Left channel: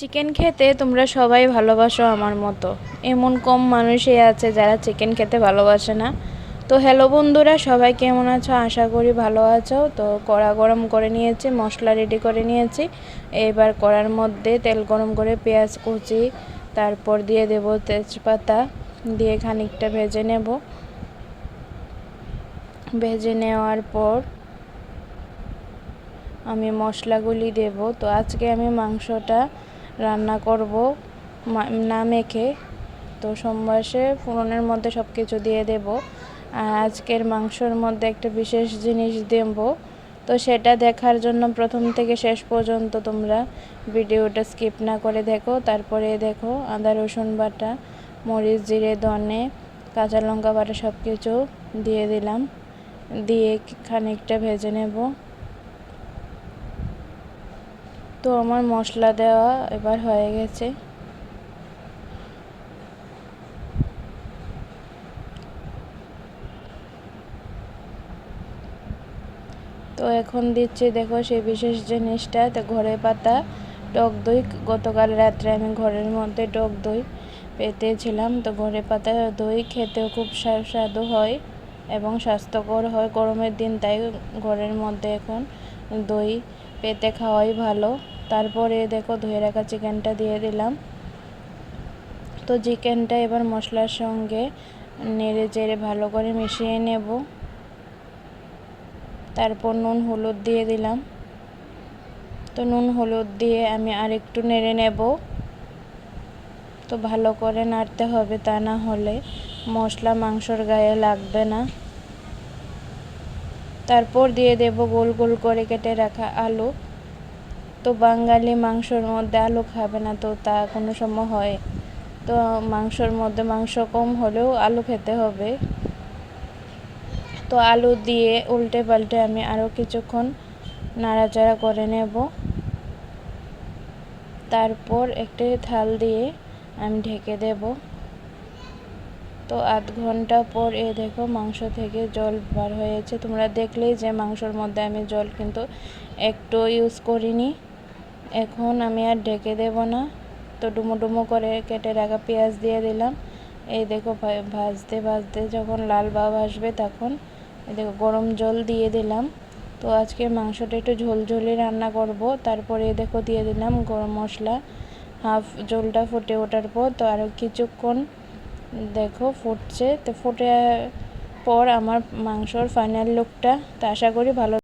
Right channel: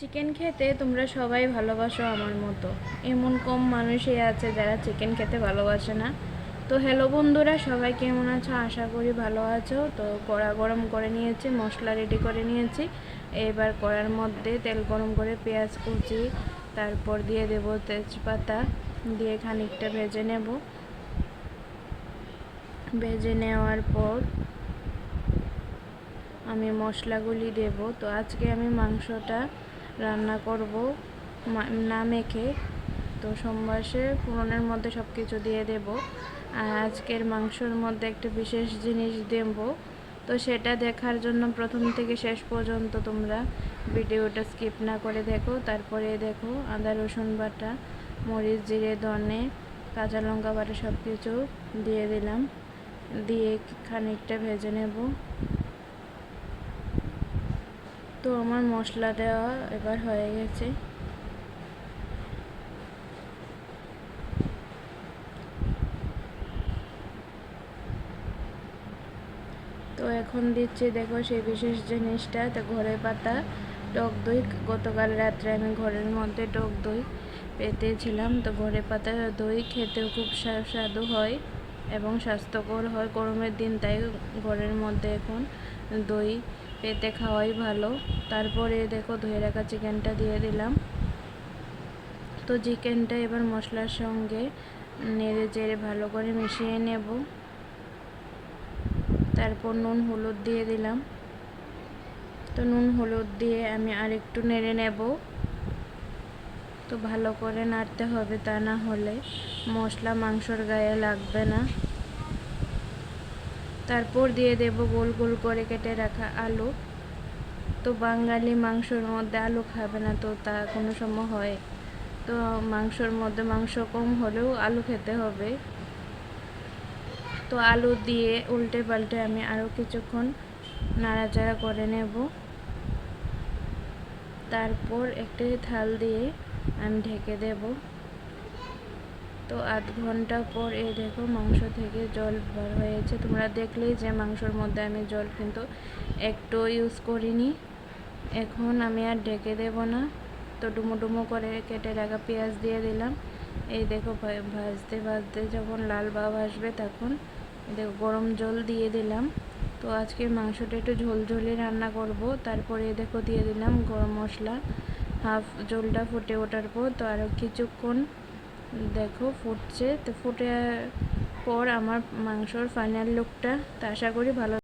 Chicken খেতে তোমরা সবাই ভালোবাসো আমার মতো। এমন কম মানুষই আছে যারা চিকেন খেতে ভালোবাসে না। তো হ্যালো বন্ধুরা, সবাই কেমন আছো? আশা করি ভালো আছো। তো কড়া গরম করে নিয়েছি, মশলা রেডি করে নিয়েছি। এবার কড়ার মধ্যে তেল গরম করে পেঁয়াজ কুচি, তারপর দিয়ে দেব তেজপাতা, দিয়ে খানিকটা ভেজে নেব। ভেজে নেওয়ার পর আমি মশলাগুলি দেব। তো আজকে আমি মাংসটা রান্না করব না মেখে। তো সোমবাসে ফোড়নের মধ্যে সব কিছু দিয়ে দেব। আর আজকের মাংসর মধ্যে একটা বিশেষ জিনিস দেব। তো সেটা দেখার জন্য প্রথম থেকে শেষ পর্যন্ত তোমরা ভিডিওটা স্কিপ না করে দেখো। তারপরে দেখো আদা রসুন বাটা, মরিচ, জিরে, ধনে, কাঁচা লঙ্কা বাটা সব কিছু দিয়ে দিলাম। দিয়ে খানিকটা ভেজে নেব। তো আমার মশলা দেওয়া এবার হয়ে গেছে। তো এখন দিচ্ছি, দেখো সেই বিশেষ জিনিসটা। তো ঘরে পাতা টক দই, গতকাল রাত্রে আমি ঘরের মধ্যে টক দই পেতেছিলাম। তো ঘরে পাতা দই খেতেও খুব সুস্বাদু হয় এবং স্বাস্থ্যকর হয় গরমের দিন, তাই ঘরের মধ্যে এখন দই পেতে খাওয়াই ভালো। তারপরে দেখো ধুয়ে রাখা চিকেনটা দিয়ে দিলাম। তো চিকেনটা এবার মশলার সঙ্গে নেড়ে চেড়ে ভালো করে মিশিয়ে নেব। তারপর নুন হলুদ দিয়ে দিলাম। তো নুন হলুদ দিয়ে আমি আরেকটু নেড়ে নেব। তো ভালো করে নাড়তে হবে, তা না হলে মশলা মাংসর গায়ে লাগবে না। তারপর দিয়ে দেব গোল গোল করে কেটে রাখা আলু। তো বাঙালি মাংসর মধ্যে আলু খাবে না, তো তা কোনো সময় হয়? তো মাংসর মধ্যে মাংস কম হলেও আলু খেতে হবে। তো আলু দিয়ে উল্টে পাল্টে আমি আরও কিছুক্ষণ নাড়াচাড়া করে নেব। তারপর একটি থাল দিয়ে আমি ঢেকে দেব। তো আধ ঘন্টা পর দেখো মাংস থেকে জল বার হয়েছে। তোমরা দেখলেই যে মাংসর মধ্যে আমি জল কিন্তু একটু ইউজ করিনি। এখন আমি আর ঢেকে দেব না। তো ডুমো ডুমো করে কেটে রাখা পেঁয়াজ দিয়ে দিলাম। এই দেখো ভাজতে ভাজতে যখন লাল ভাব আসবে তখন দেখো গরম জল দিয়ে দিলাম। তো আজকে মাংসটা একটু ঝোলঝোলি রান্না করব। তারপরে দেখো দিয়ে দিলাম গরম মশলা। হাফ ঝোলটা ফুটে ওঠার পর তো আরও কিছুক্ষণ দেখো ফুটছে। তো ফুটে পর আমার মাংসর ফাইনাল লুকটা, তো আশা করি ভালো।